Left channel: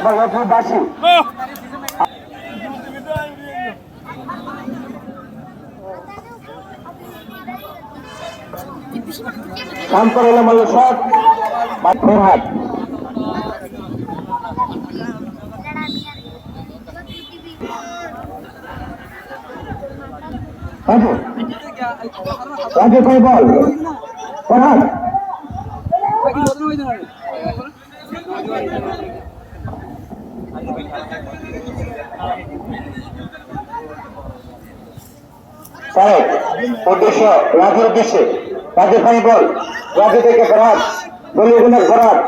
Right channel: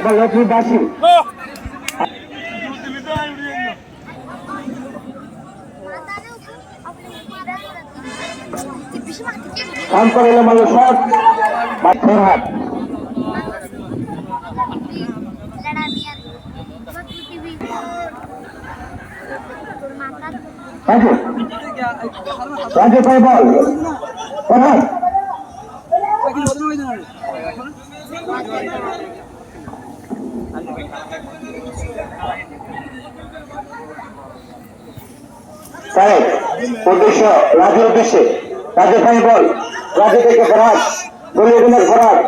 এবং লক্ষ্মীবাসী ফরহাদ রাজু ভাই বল ফরহাদ উদ্দেশ্য রাজুর উদ্দেশ্যে রাজু ভাই বল রাজু থেকে ফরহাদ বলিউডের ফরহাদ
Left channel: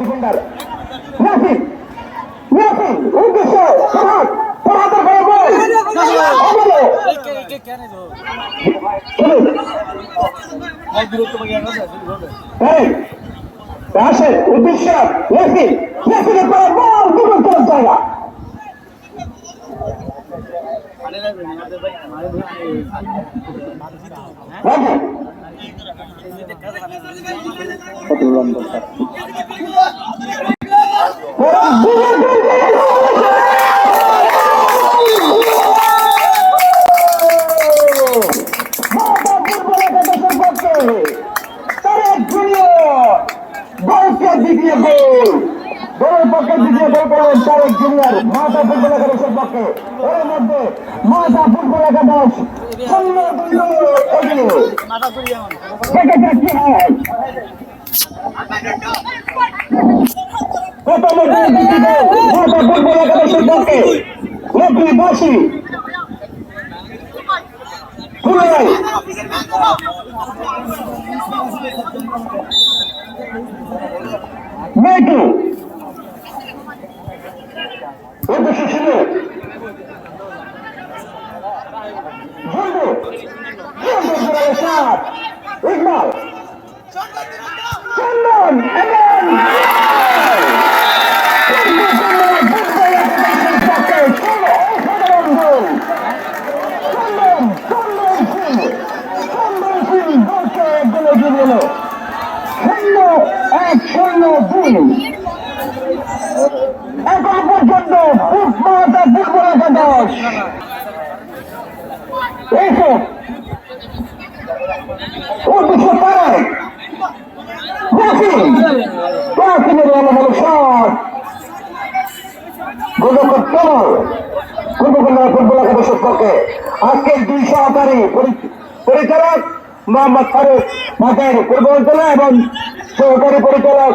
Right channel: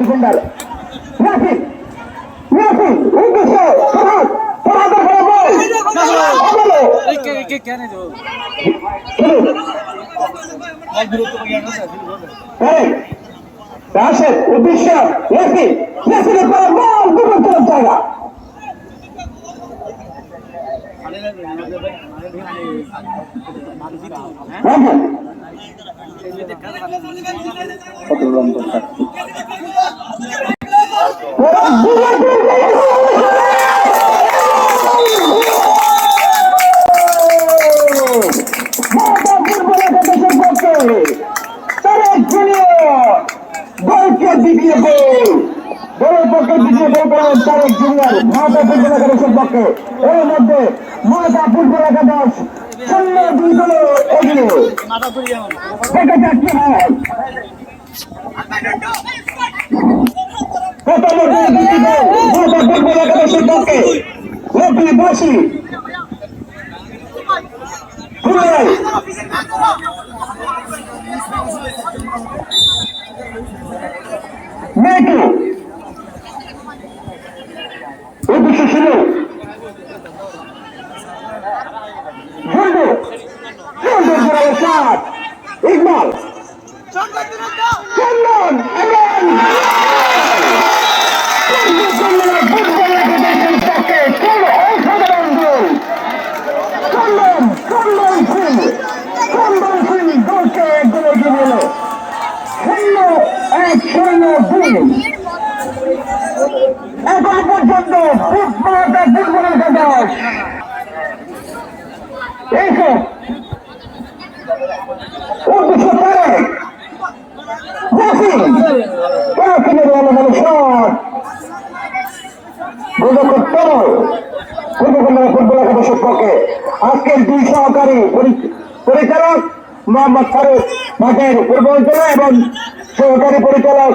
ডিফেন্ডার উদ্দেশ্য জায়গা দ্বিতীয় গোল দলের পক্ষে দ্বিতীয় গোল করলেন তারেক জুনিয়র মাতা ফুটবল একাদশের পক্ষে এর মধ্যে মাতা ফুটবল একাদশ 0-2 গোলে এগিয়ে থেকে যাচ্ছে মাতা ফুটবল একাদশের পক্ষে লক্ষ্মীবাসী মেয়েকে উদ্দেশ্য ছিল ইকবাল এখন পর্যন্ত আজকের দুই সহকারী পরিচালক মোহাম্মদ ফারুক মাঠের পূর্বাঞ্চলে এবং সহকারী পরিচালক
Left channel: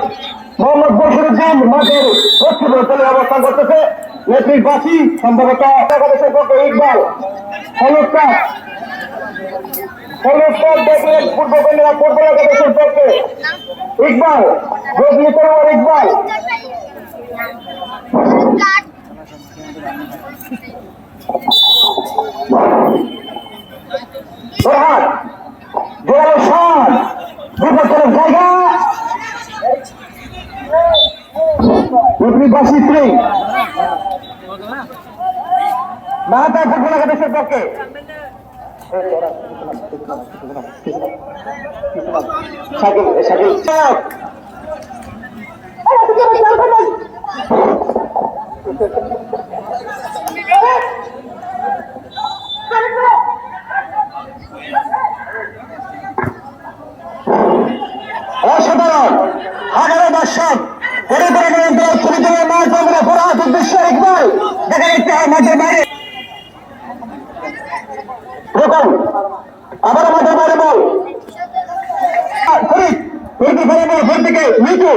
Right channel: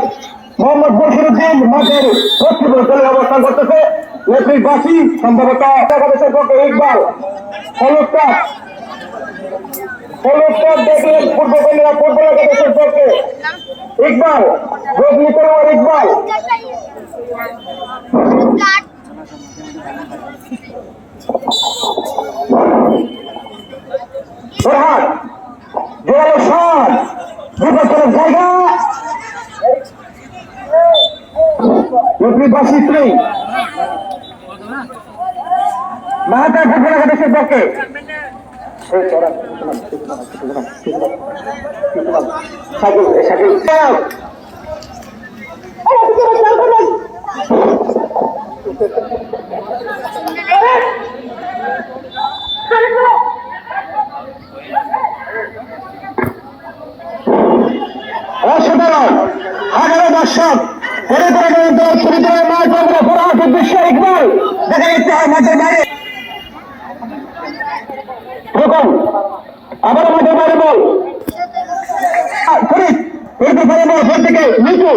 মোহাম্মদ বশিরউদ্দিন মাঠের পশ্চিম অঞ্চলে অবস্থান করতেছে লক্ষ্মীবাসী সম্ভবত একাদশের পক্ষে ইকবাল দেখলেন পূর্বকন্যা ফুটবল একাদশের পক্ষে ইকবাল ইকবাল ফরহাদ জোরালো শট বিপক্ষের জায়গা লক্ষ্মীবাসী 3 মাতা ফুটবল একাদশের পক্ষে অসাধারণ 11 দর্শক উদ্দেশ্য ইকবাল দেখা যাচ্ছে মাঠের বাইরে আবার মাঠের বাইরে বল থেকে নিচু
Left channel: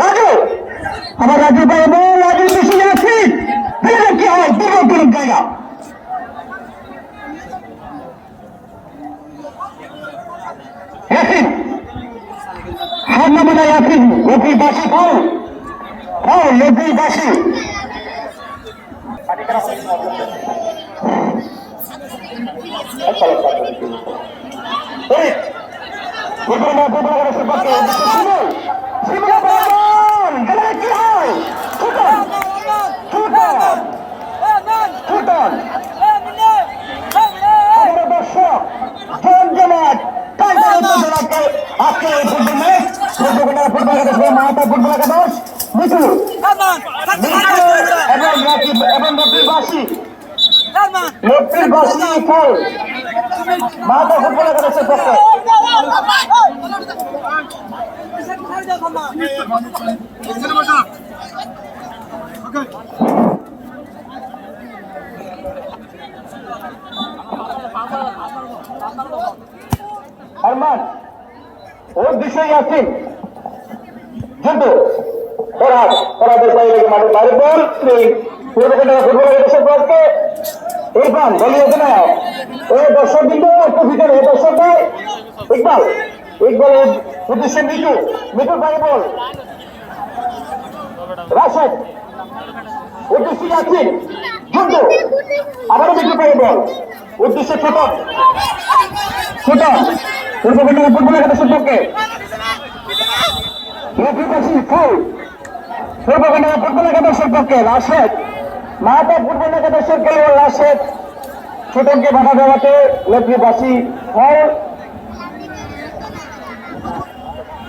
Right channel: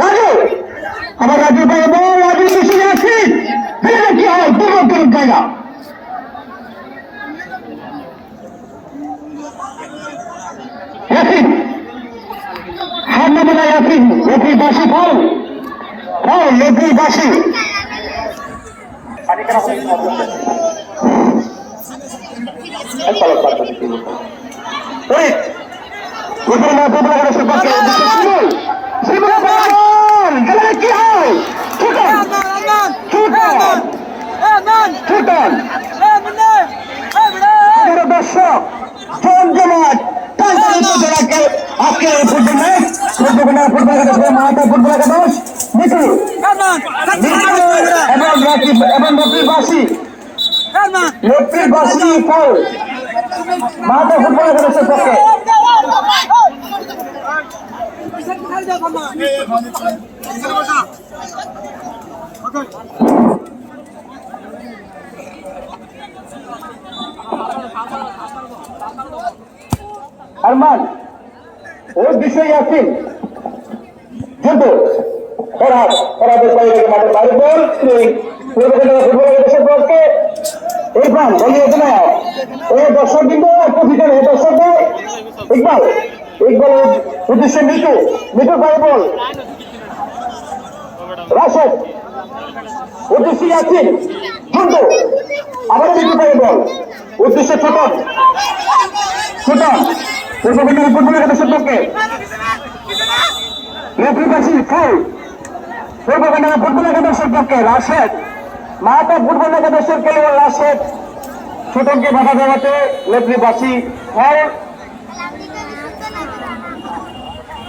রাজু আবার রাজু বাইরে বল রাজু বেশি যাচ্ছি কি হয় দুর্গম জায়গা লক্ষ্মীবাসী ফল লক্ষ্মীবাসী এখানে না ফুটবল একাদশের পক্ষে শিমুল শিমুল খেলা কি হয় ছুটন ছুটন ছুটন দর্শক জমজমাট জেলাকে আজকে ফুটবল ম্যাচ ফুটবল একাদশ মাতা ফুটবল একাদশ মিঠু এবং নদীবাসী ফল মাতা ফুটবল একাদশের পক্ষে আরমান ওর বিষয় আছেন যুদ্ধ ওরাদের বাইরে মাঠে বাইরে বল ফুটবল একাদশের পক্ষে ইরফান বলিয়ে না এই দর্শক কিন্তু ভিতরে এই দর্শক ইকবাল ইকবালের উদ্দেশ্যে মিঠু বাইরে বল রাশেদ উদ্দেশ্যে আছেন যুদ্ধ আবার মিঠু বাইরে বল উদ্দেশ্যে ছোটন ফুটবল একাদশের পক্ষে ফুটবল একাদশের পক্ষে রাশেদ মাতা ফুটবল একাদশের খেলোয়াড় রাশেদ ছোটনকে বাধা দেওয়াতে লেফ্রিবাসী হয়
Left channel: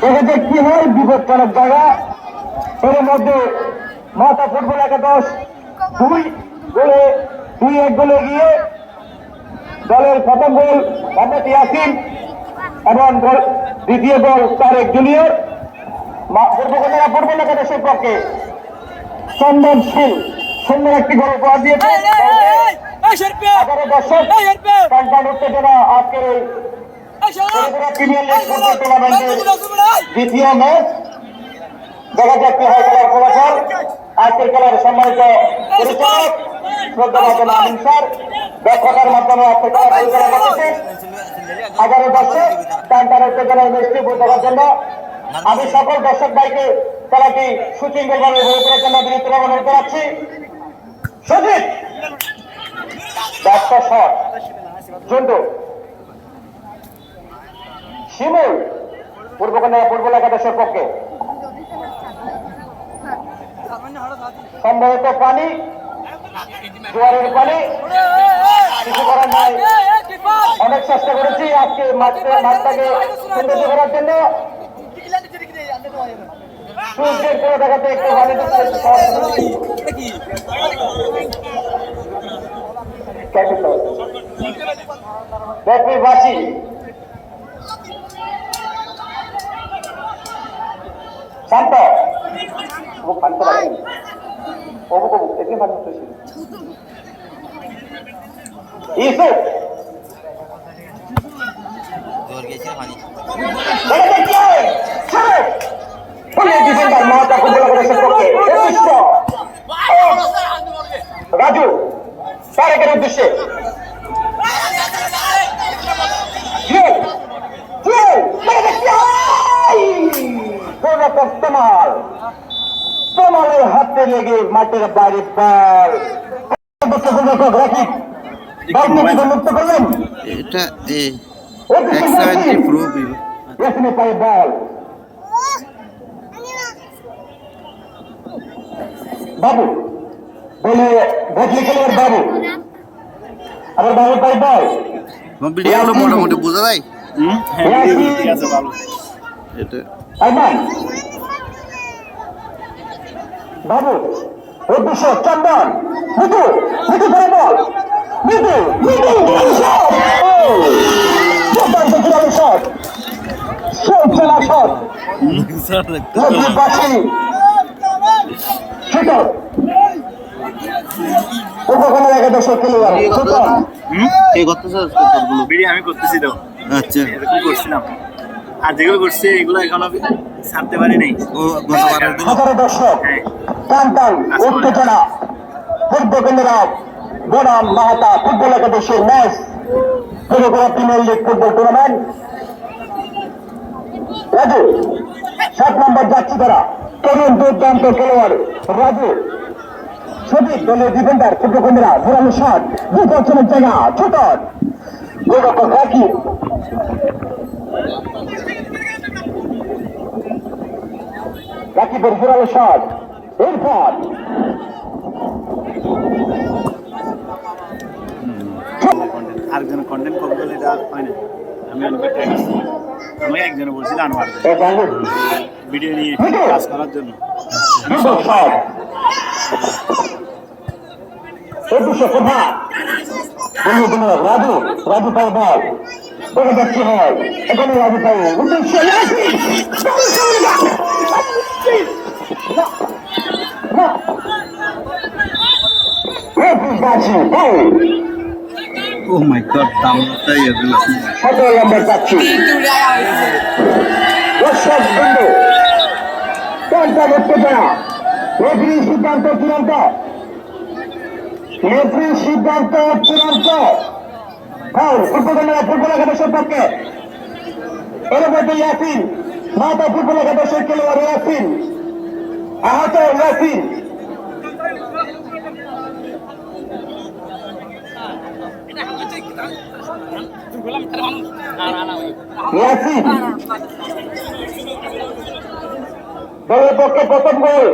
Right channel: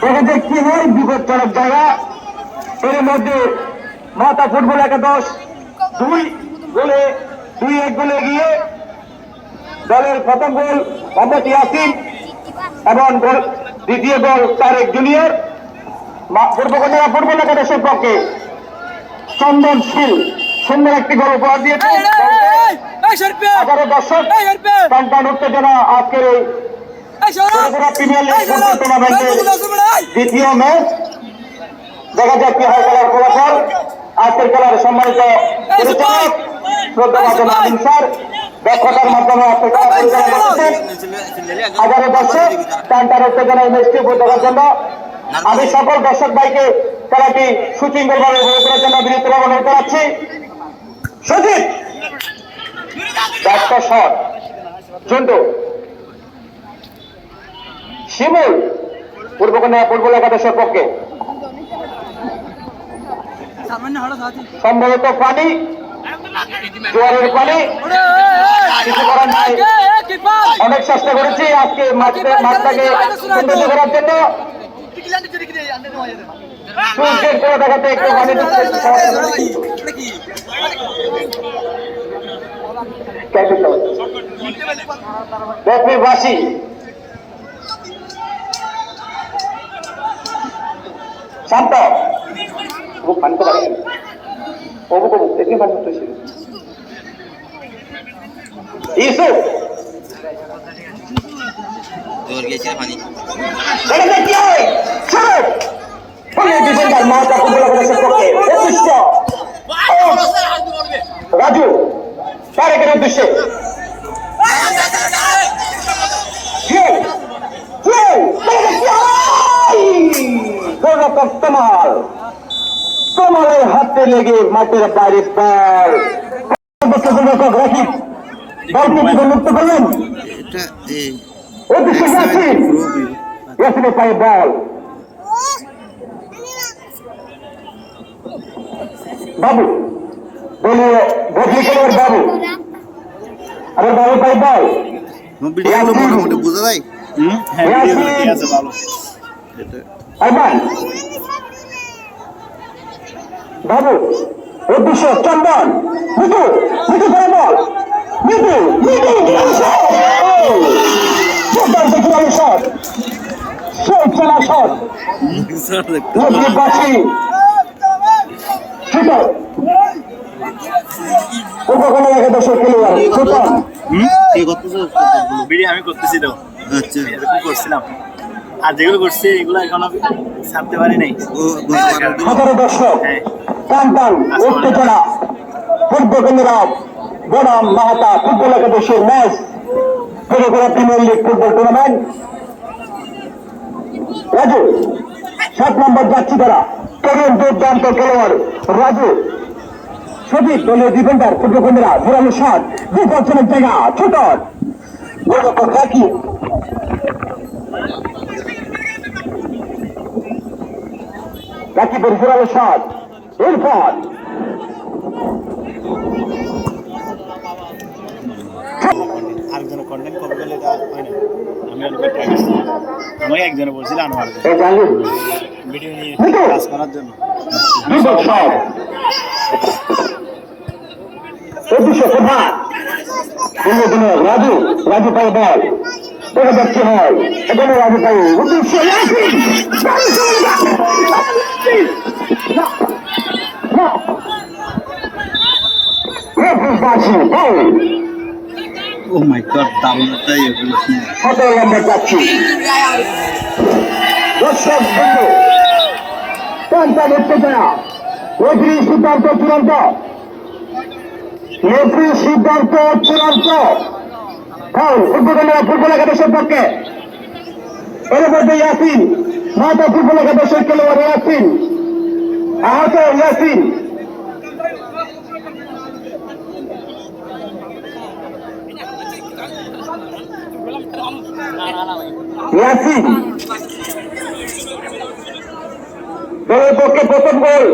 দেখা যায় কি হয় বিপজ্জনক জায়গা এর মধ্যে মাতা ফুটবল একাদশ 2-1 গোলে এগিয়ে দলের প্রথম গোল মোহাম্মদ ইয়াসিন এবং দ্বিতীয় গোল তারেক জুনিয়র ফুটবল একাদশের পক্ষে চন্দনশীল সুন্দর একটি গোল উপহার দিয়েছে 11 দর্শক সন্তান উত্তেজনা আজকের এই প্রিমিয়ার লিগ ফুটবল টুর্নামেন্টের দ্বিতীয় ম্যাচ দেখা যাক কি হয় খেলার ফলাফল আজকের খেলার সম্মানিত পরিচালক শ্রদ্ধাভাজন আমিন স্যার দক্ষতার মাধ্যমে আজকের খেলা পরিচালনা করছেন 11 দর্শক সন্তান উত্তেজনা এই ম্যাচটি উপভোগ করার জন্য আমি সকল দর্শক ভাইকে খেলাটি সুশৃঙ্খলভাবে উপভোগ করার জন্য বিনীত অনুরোধ করাচ্ছি সজিত একটা শট জন্টু শিমুল ফুটবল একাদশের পক্ষে সম্ভবত পানি জোয়ারের পানি কিছু করার নাই অনেক চেষ্টা করেছি আজকে মাঠটাকে সৌন্দর্য করার জন্য দেখাতে একটু পানি বাসী শান্ত ফানতে পারেনি অবুক দেখে ফান করতেছিল ইউসুফ জোর গেছে পানি রাজু তারেকের উদ্দেশ্যে কমালের হাতে লেগে মাঠের বাইরে রাখি মুক্ত করলেন পায়ে বল বাবু বদলি খেলোয়াড় বাবু আবার বাবু পাই বল মোটামুটি বোঝা যায় বাবু উদ্দেশ্য চন্দন মিঠু মিঠু ধরে বল মিঠু শট চলা শট আমি করতেছি তো এরকম করছিলাম আর যেগুলো করছি এগুলো এখনো ছাড়তে পারি নাই বনাম মাহাতা ফুটবল একাদশের match premier league football tournament Raju 7 নম্বর যাচ্ছি তারা কেমন দুর্দান্ত খেলোয়াড় রাজু সঠিক দলীয় ডিফেন্ডার ফুটবলেরা ঘোরানো শট বিপজ্জনক জায়গা ছোট গোলরক্ষক রাকিব রাকিবের জোরালো শট ইরফান আরেকজনের কন্টেন্ট করবে বলে এটা হয় না। আমি অনেক ট্রাই করছি, আমাকে একজনে বলছিল আনোয়ার ভিডিও নিয়ে কাজ করার জন্য। রাজু রাজু পাই বল দেখা যাচ্ছে হয় এখানে রাজু পাই উদ্দেশ্য ও মাই গড, দামটাই এগুলো। আমরা যাচ্ছি সিদ্ধান্ত চূড়ান্ত সিদ্ধান্ত চূড়ান্ত ফুটবল একাদশের পক্ষে এর মধ্যে ইয়াসিন মাতা ফুটবল একাদশের খেলোয়াড় ইয়াসিন আহত ইয়াসিন ইয়াসিন দলের পক্ষে প্রথম গোল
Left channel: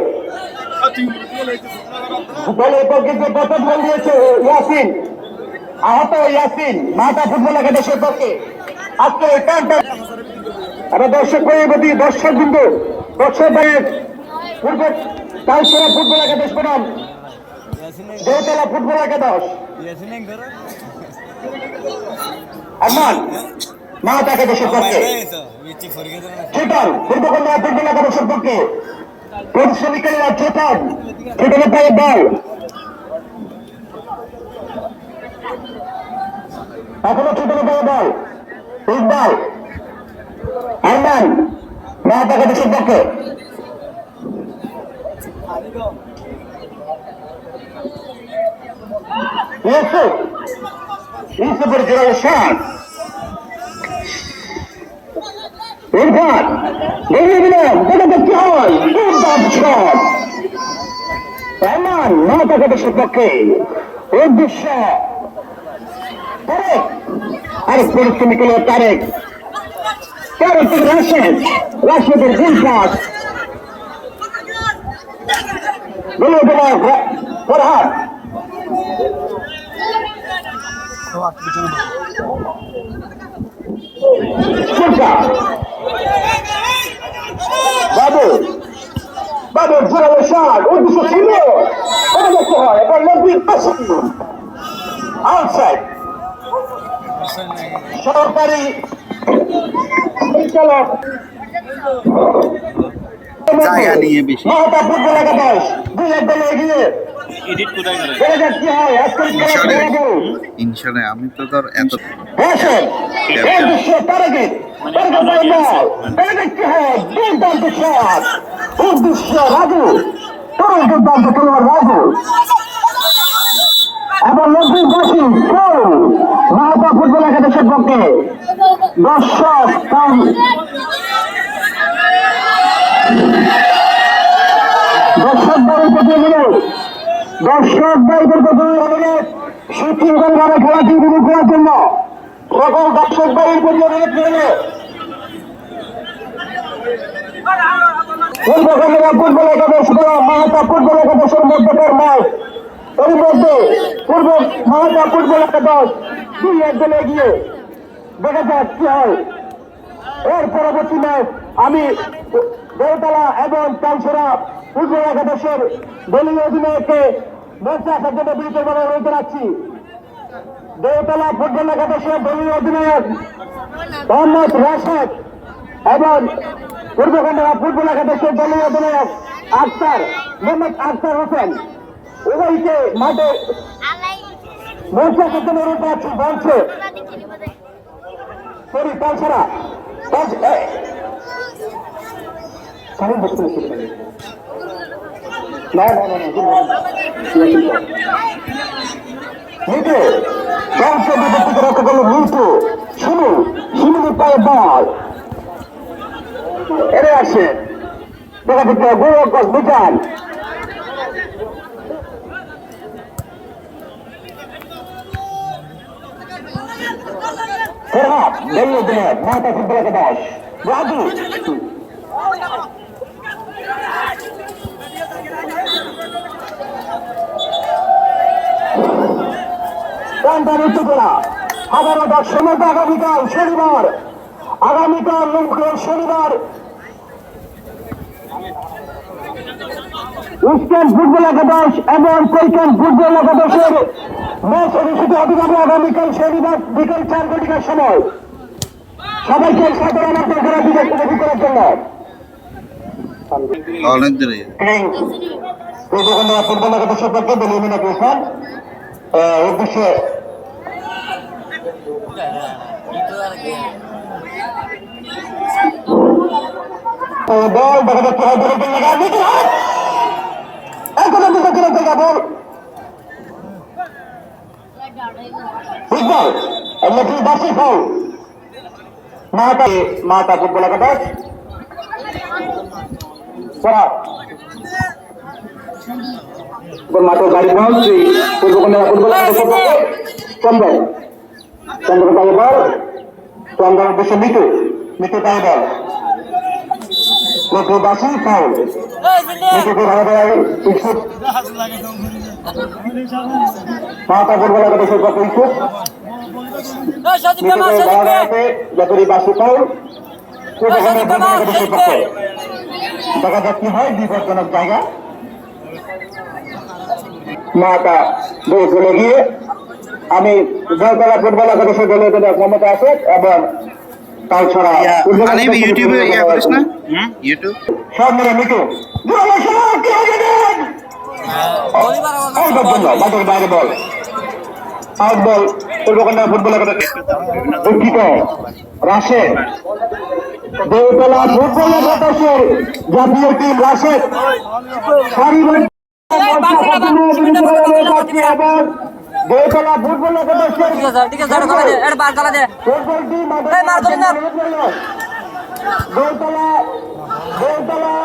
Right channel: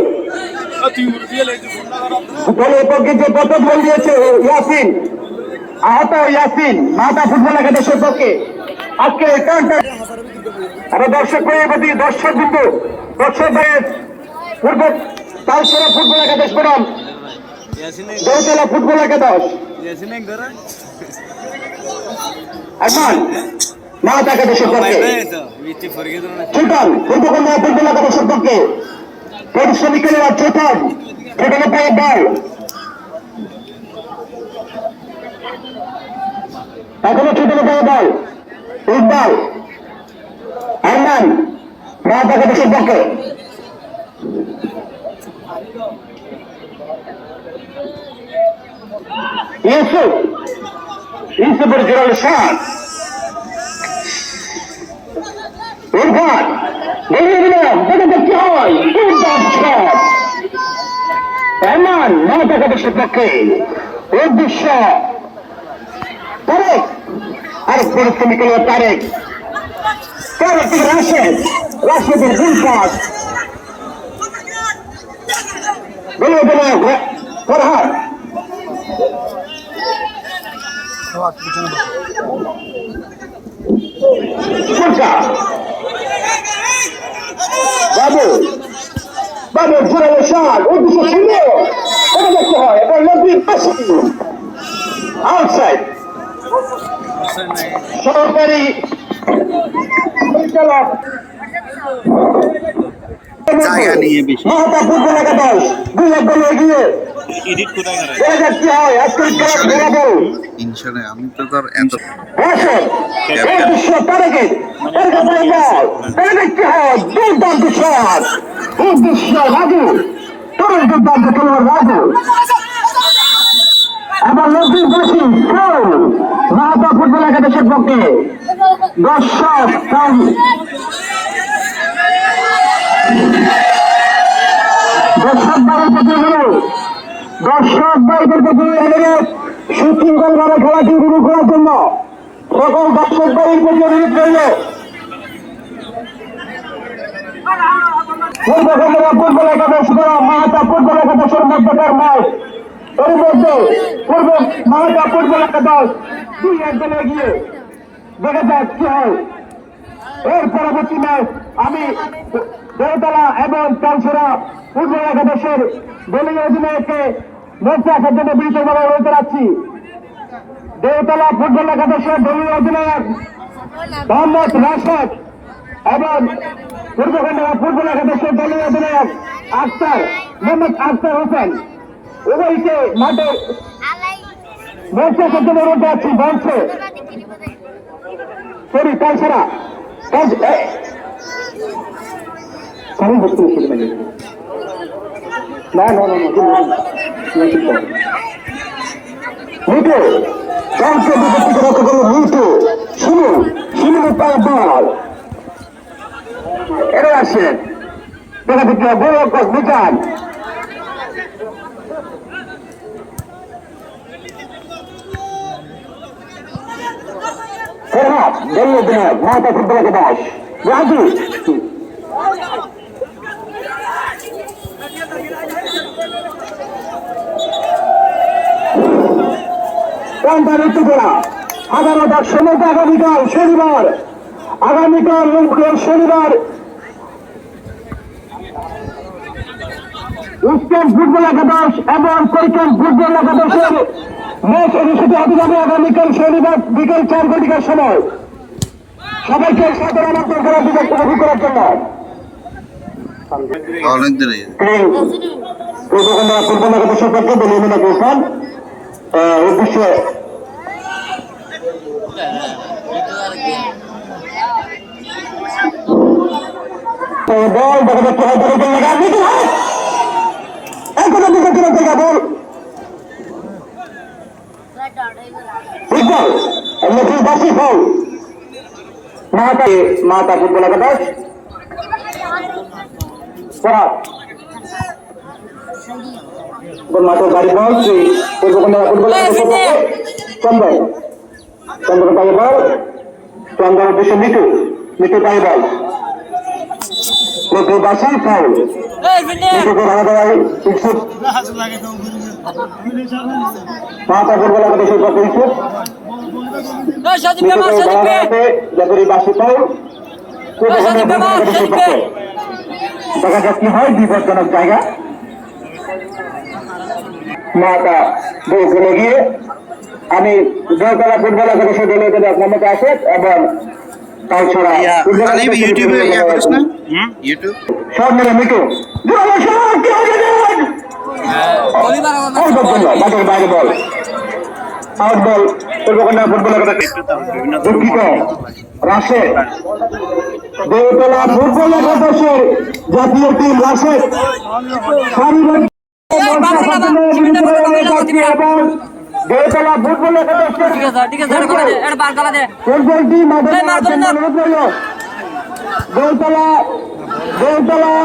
দলের পক্ষে যে প্রথম গোল দিয়েছে ইয়াসিন আহত ইয়াসিন মাতা ফুটবল একাদশের পক্ষে আজকে আমরা দর্শক প্রতি দর্শক বিন্দু দর্শক পূর্ব তালসরা ফুটবল একাদশ বনাম দৌতলা ফুটবল একাদশ আমান মাতা একাদশের পক্ষে চুটান পূর্বকন্যা ফুটবল একাদশের পক্ষে পরিশ্রমিকেরা চুটান চুটানের পেয়ে বল এখনো ছোট বল ইকবাল আমান মাতা একাদশের পক্ষে ইউসুফের জোরালো শট ইরফান এগিয়ে দিলাম দেখা দেখতে হয় আমান মাতা একাদশের পক্ষে এর দৃশ্য তারেক আরেক পরিশ্রমী খেলোয়াড় তারেক তারেক রাশেদের ইনসাফ বলে ফরহাদ বাবু বাবুর জোরালো শট উদ্দেশ্য ছিল ওটা দেখতে হয় এবার নদীর পাশে আউটসাইড সরকারি পরিচালক জায়গা নিয়ে বেশি মহাতা ফুটবল একাদশ 2-1 এগিয়ে এডিট কোথায় করে দেখা যাচ্ছে হয় আজকের ইনশাল্লাহ আমি তো তোর এত উদ্দেশ্য রাজু তোর দুর্দান্ত খেলোয়াড় রাজু এবার নদীর বাসী মাহাতা ফুটবল একাদশের পক্ষে দর্শক দর্শক বাড়ির প্রতি দর্শক বাড়িদের প্রতি সুশৃঙ্খল ভাবে খেলাটি উপভোগ করার জন্য সকল দর্শক বাড়ির প্রতি অনুরোধ করলে ফুটবল একাদশ মাহাতা ফুটবল একাদশের মধ্যকার ম্যাচ এর মধ্যে পূর্ব মাহাতা ফুটবল একাদশ 2-1 এগিয়ে দেখা যাক কি হয় এর পরবর্তী ম্যাচ আমি দেওতলা এবং কালসরা ফুটবল একাদশের দলীয় অধিনায়ককে মঞ্চে আসার জন্য বিনীতভাবে অনুরোধ জানাচ্ছি। দেওতলা ফুটবল একাদশের দলীয় অধিনায়ক মোহাম্মদ রাশেদ এবং পূর্বখণ্ডা ফুটবল একাদশের দলীয় অধিনায়ক মোহাম্মদ আখতার হোসেন উভয়কে মাঠে মঞ্চে আসার জন্য অনুরোধ জানাচ্ছি। মঞ্চে সরি কালসরা এরা আসে দেখা দিচ্ছে মিটান মাথা ফুটবল একাদশ রাজু প্রান্তানিত করা আগামীকাল সময় আগামীকাল শনিবার ইস্টার্ন ফুটবল একাদশ এবং কৈকান ফুটবল একাদশের ম্যাচ অনুষ্ঠিত হতে যাবে আগামীকাল শনিবার বিকেল 4 সময়। সবাইকে সাথে করার জন্য অনেক দূরে ফুটবল একাদশ সম্পর্কে বলিয়ে করেছেন উদ্দেশ্যে বল দেখা যাচ্ছে এখনো দিকে চলে জায়গা বল ফুটবল এমনি বাসি ফল মাতা ফুটবল একাদশ মাত্র গাড়ি বল ফুটবল চন্দন পায়ে বল চন্দন উদ্দেশ্যে মিটু পায়ে বল বাসি ফাউল মাতা ফুটবল একাদশের পক্ষে ইচ্ছুক বাসি ফাউল দেখা যাক কি হয় বিপজ্জনক জায়গা মাতা বউ চলে গিয়ে আমি দলতলা ফুটবল একাদশের দলের ক্ষমতা আছে এবং তাছাড়া ইউটিউবে করিস না ইউটিউব সব মিলে মিটু বাইরে বল আউট বল পূর্বকন্যা ফুটবল একাদশ দুঃখিত রাশেদ দেওতলা ফুটবল একাদশের জাতীয় টিম রাশেদ এবং দেওতলা ফুটবল একাদশের দেওতলা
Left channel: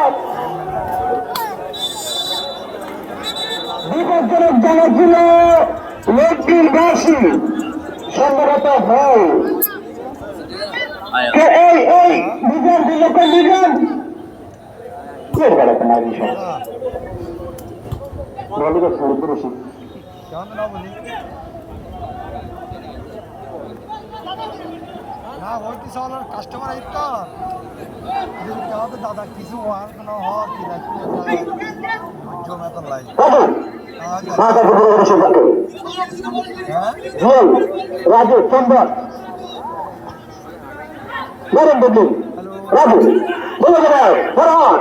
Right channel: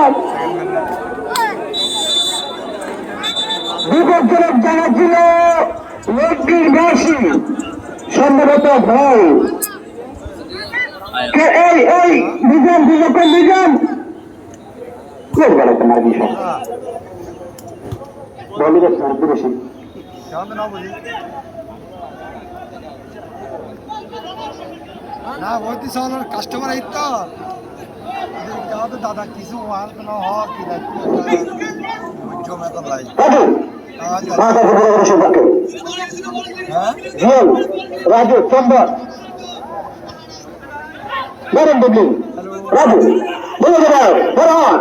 বিপজ্জনক জায়গা ছিল লেকটির বেশি সম্ভবত হয় এই নিজাম বিজেপি নিজাম কোন গেল তোমার বিষয় বলিবে পুরুষ না ওইটি সবার কাস্টমার আইত তো দাদা কিছু আর কোন হওয়ার কি জমে তো লাই রাজু চন্দন নরেন বদলি রাজু বলে দাদা কিছু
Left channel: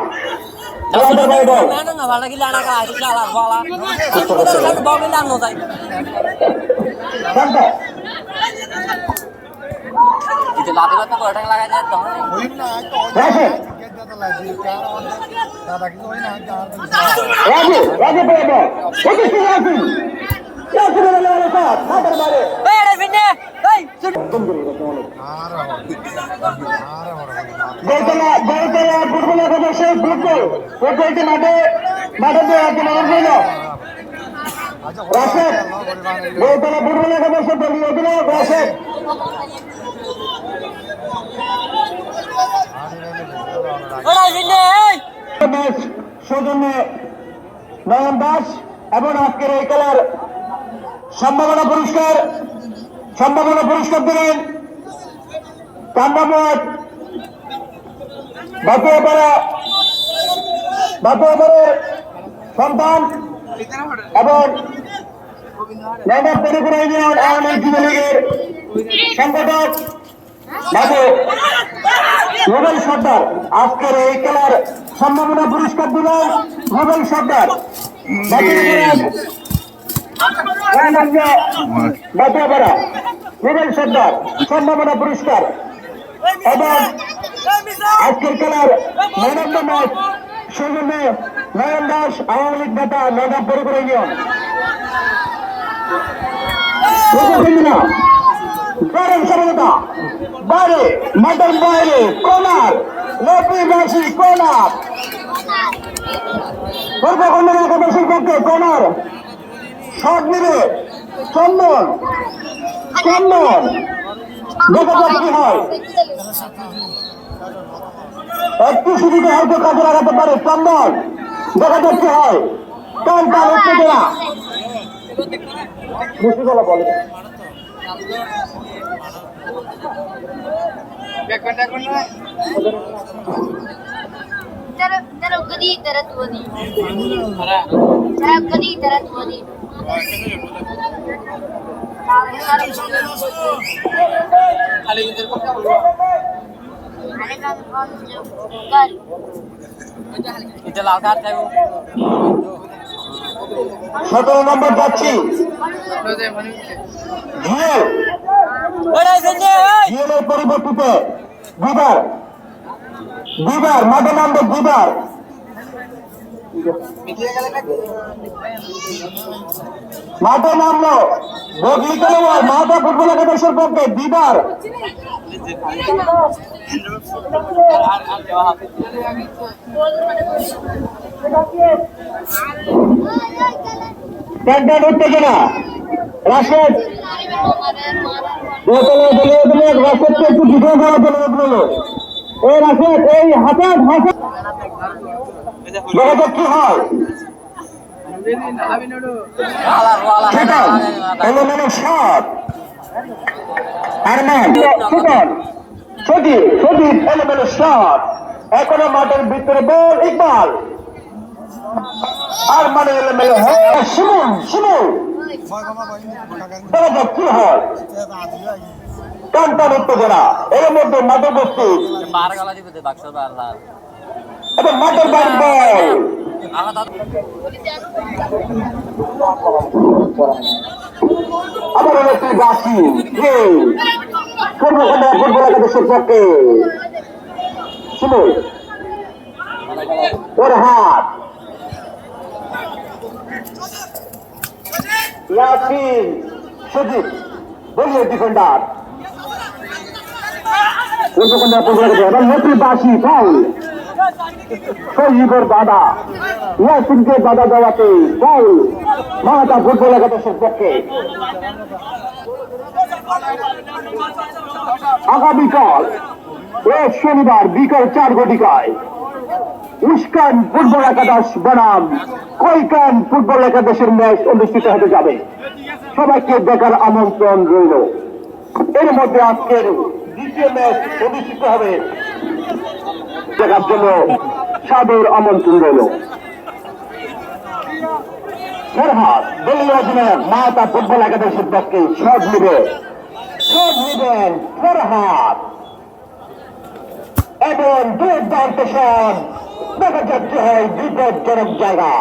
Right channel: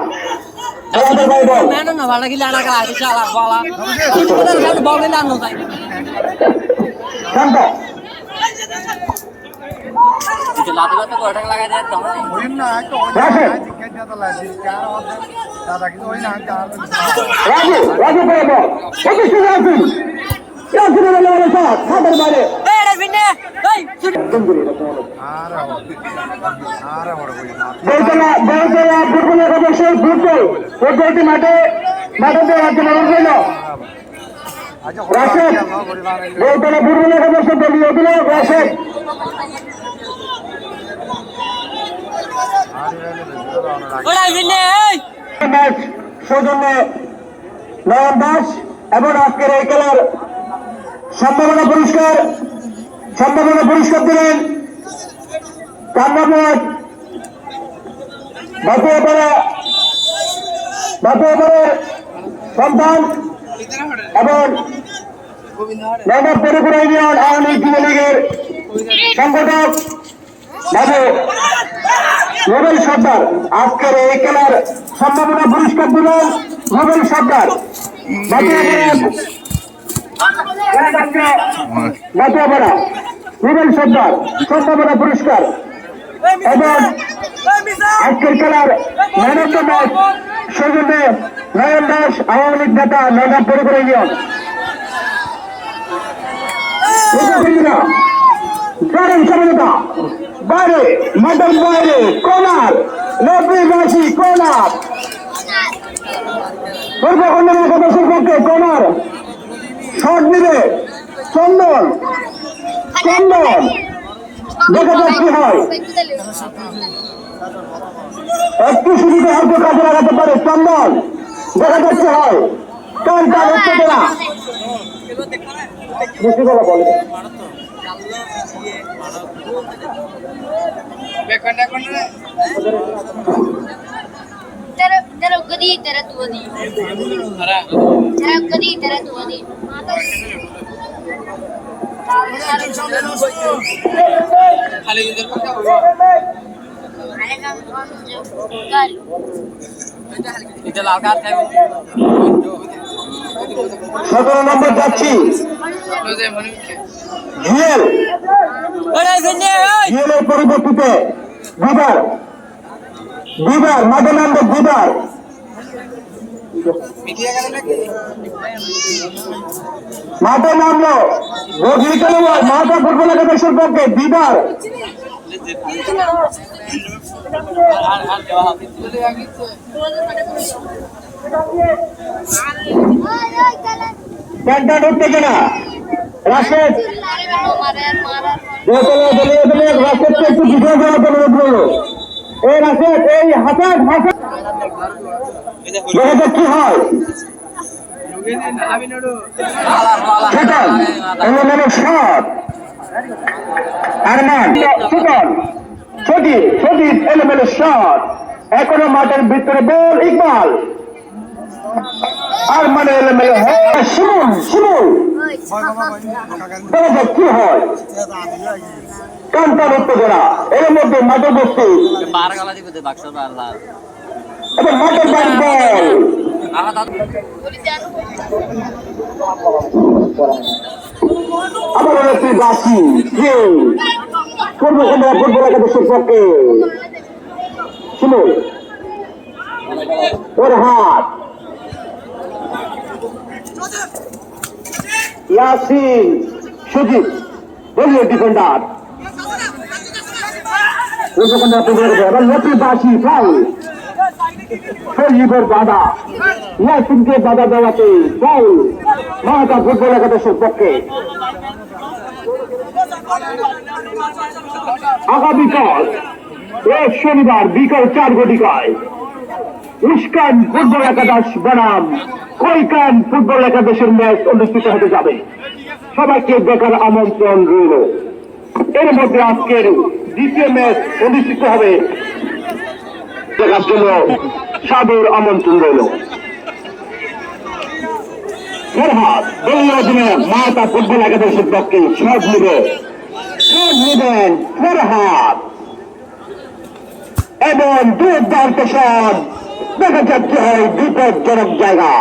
ওই না সৌজন্য নয়ন দাস এবং আজকের এই খেলার সম্ভাবনা পুরস্কার দিলেন কান্নামত বাতুয়াপাড়ার সন্তান এবং নগর পরিপুর ইউনিয়ন আওয়ামী লীগ যুবলীগের সংগঠক নোবেল সর্দার আজকের এই খেলার সম্ভাবনা পুরস্কার দিলেন নোবেল সর্দার নোবেল সর্দার সম্ভাবনা পুরস্কার এবং আজকের খেলার ম্যান অফ দ্য ম্যাচ সৌজন্যে নয়ন দাস আওয়ামী লীগ নেতা নগর পরিপুর ইউনিয়ন বাইরে মাঠের বাইরে কর্নার 90 কর্নার কর্নার শট নিবে চন্দন দেখা যাক কি হয় একটু সুবিধা হয়তো কাজে লাগাতে পারে চন্দন দেখা যাচ্ছে হয় কান টান উত্তেজনা বেশি কথা বলে Tara gadi tara tu adi. Tara gadi tara tu adi. এটা লাল কার্ড খাইবো 17 নম্বর যাচ্ছি হিয়েল হিয়েলের পরিবর্তিতে বিবার মাঠে নামবে বিবার মাঠে নামলো বদলি খেলোয়াড় মাঠা ফুটবল একাদশের পক্ষে বিবার টান উত্তেজনা রাশেদ রাশেদকে একটু বিজয় করার জন্য অনুরোধ এই রাশেদ এই হাসান দেখা যাক কি হয় এখনো মাঠের ভিতরে বল ইকবাল আর মানে এলোমেলো শিমুল দেখা যাক কি হয় কান্তার উত্তেজনা এর মধ্যে মাঠের বস্তি এবং মাঠের বাড়ি বল আবার একটি বাসি ফুটবল একাদশের পক্ষে শিমুল ওর হাত ইয়াসিন সুজিত দলীয় ডিফেন্ডার বাসি ফাউল সজীবের দাদা ইয়াসিনকে বাধা দেওয়াতে ফাউল মাথা ফুটবল একাদশের পক্ষে আগামীকাল শনিবার বিকাল 4 ঘটিকায় উস্কান ফুটবল একাদশ বনাম কৈকান ফুটবল একাদশের ম্যাচ অনুষ্ঠিত হতে যাবে সবাইকে দেখার আমন্ত্রণ রইল এর মধ্যে আজকের দ্বিতীয় ম্যাচ অনুষ্ঠিত হবে দেখার জন্য সাদর আমন্ত্রণ রইল ফেরহাদ দলীয় অধিনায়ক মাতা ফুটবল একাদশের পক্ষে শট নেবেন ফেরহাদ এবং দুর্দান্ত শট দেখা যাচ্ছে হয় বিপজ্জনক জায়গা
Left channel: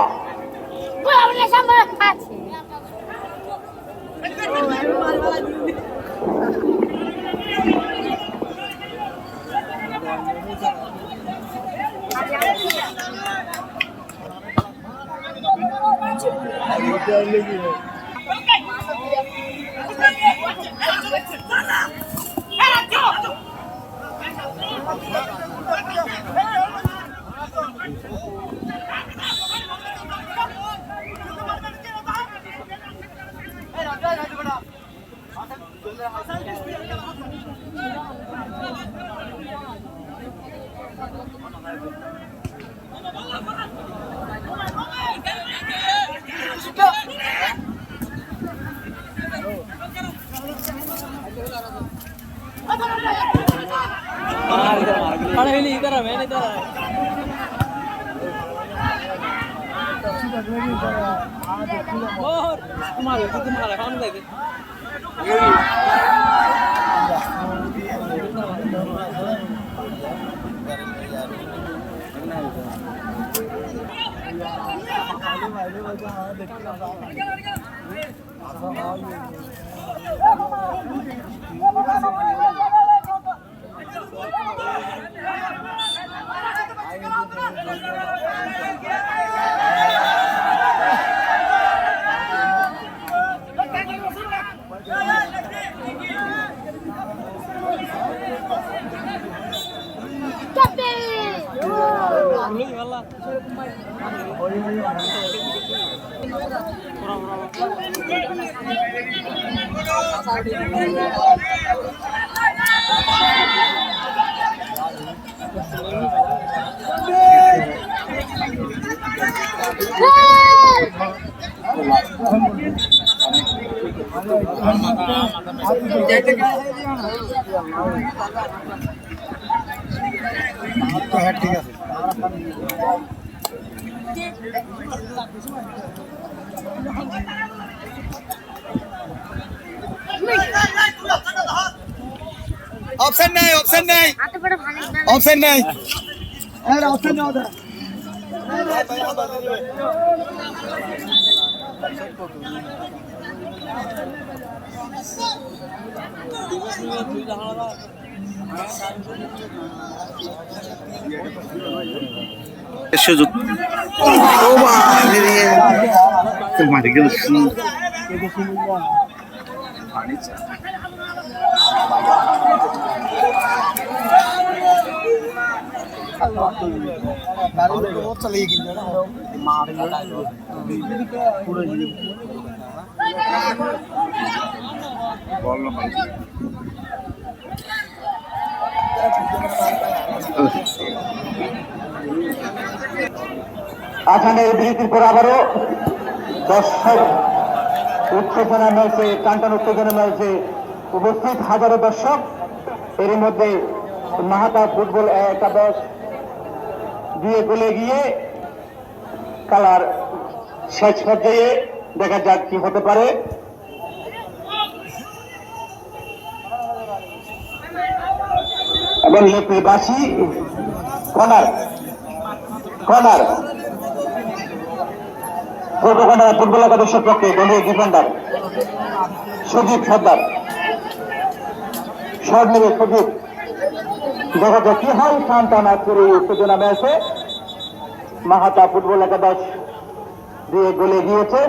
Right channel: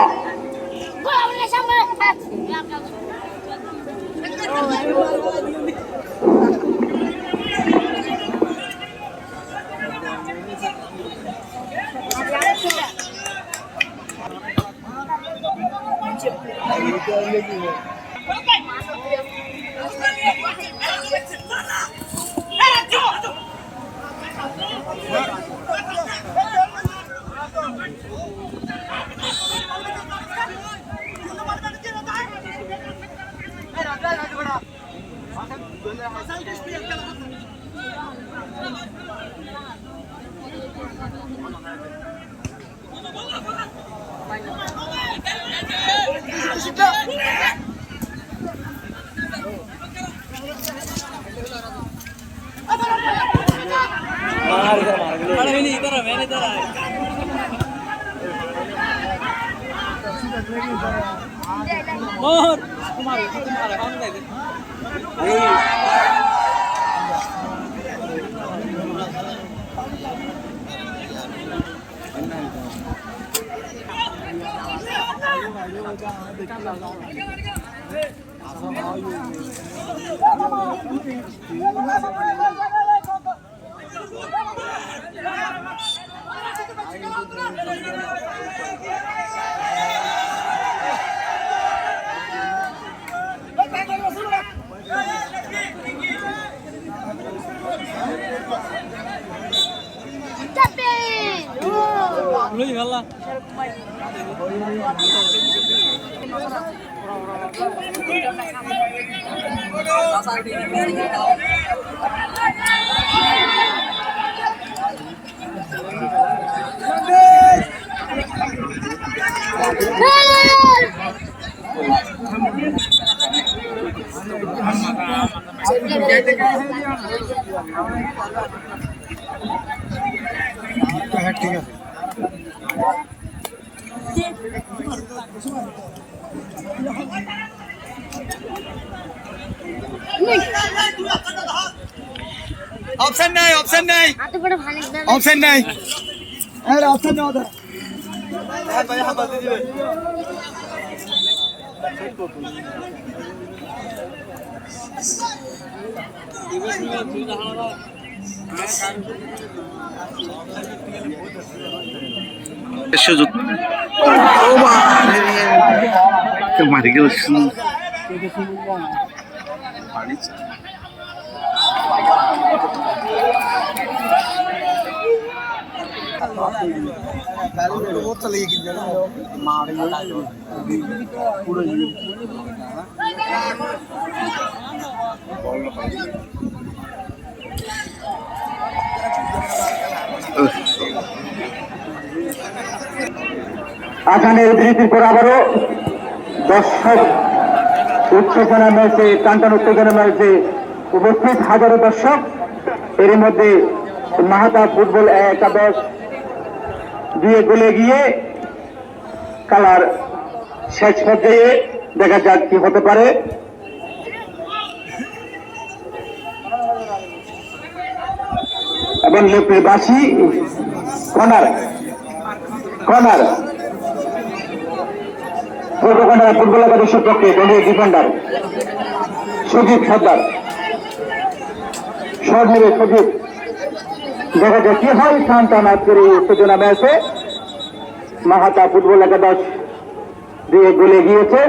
হ্যাঁ ঠিক আছে অপশন নাই অপশন নাই হাতে করে ভালো অপশন নাই আরে অপশন নাও দা সুযোগ ও বাবা মারি গেল পানি চা চলে গিয়ে পুরো আসানের বিরতির পর আবারও দর্শক উত্তেজনা রয়েছে, টানটান উত্তেজনা রয়েছে, উপস্থিত হাজারো দর্শক। এর মধ্যে মাহাতা ফুটবল একাদশ 2 গোলে গিয়ে খেলার শেষ পর্যায়ে দেখা যাক কি হতে পারে। এবং লোকের বাসি কর্নার কর্নার ফুটবল একাদশের পক্ষে দলীয় ডিফেন্ডার সুজিত সর্দার শট নেবে সুজিত। দেখা যাক কি হয়। টান আজকের এই উত্তেজনা ম্যাচে মাহাতা ফুটবল একাদশ 2 গোলে গিয়েছে।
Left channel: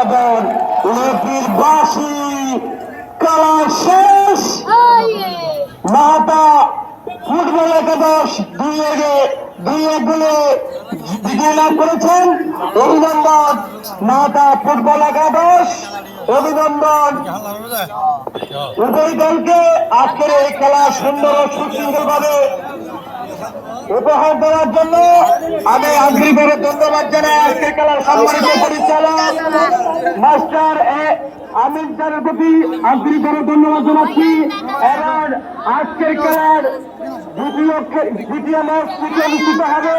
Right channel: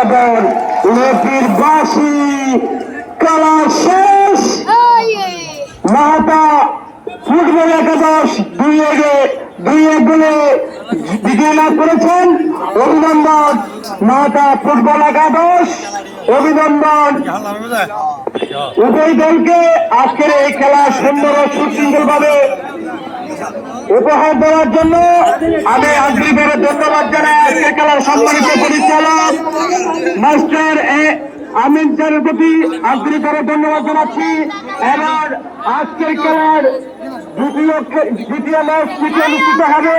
এবং লোকের বাসি খেলা শেষ। মাহাতা ফুটবল একাদশ 2 গোলে বিজয় লাভ করেছেন। অভিনন্দন মাহাতা ফুটবল একাদশ, অভিনন্দন উভয় দলকে আজকের এই খেলা সুন্দর ও সুশৃঙ্খল ভাবে উপহার দেওয়ার জন্য আমি আন্তরিকভাবে ধন্যবাদ জানাই আজকের খেলার সম্মানিত পরিচালক মাস্টার আমিন স্যারের প্রতি আন্তরিকভাবে ধন্যবাদ জানাচ্ছি। এবার আজকের খেলার দ্বিতীয় ম্যাচ অনুষ্ঠিত হবে।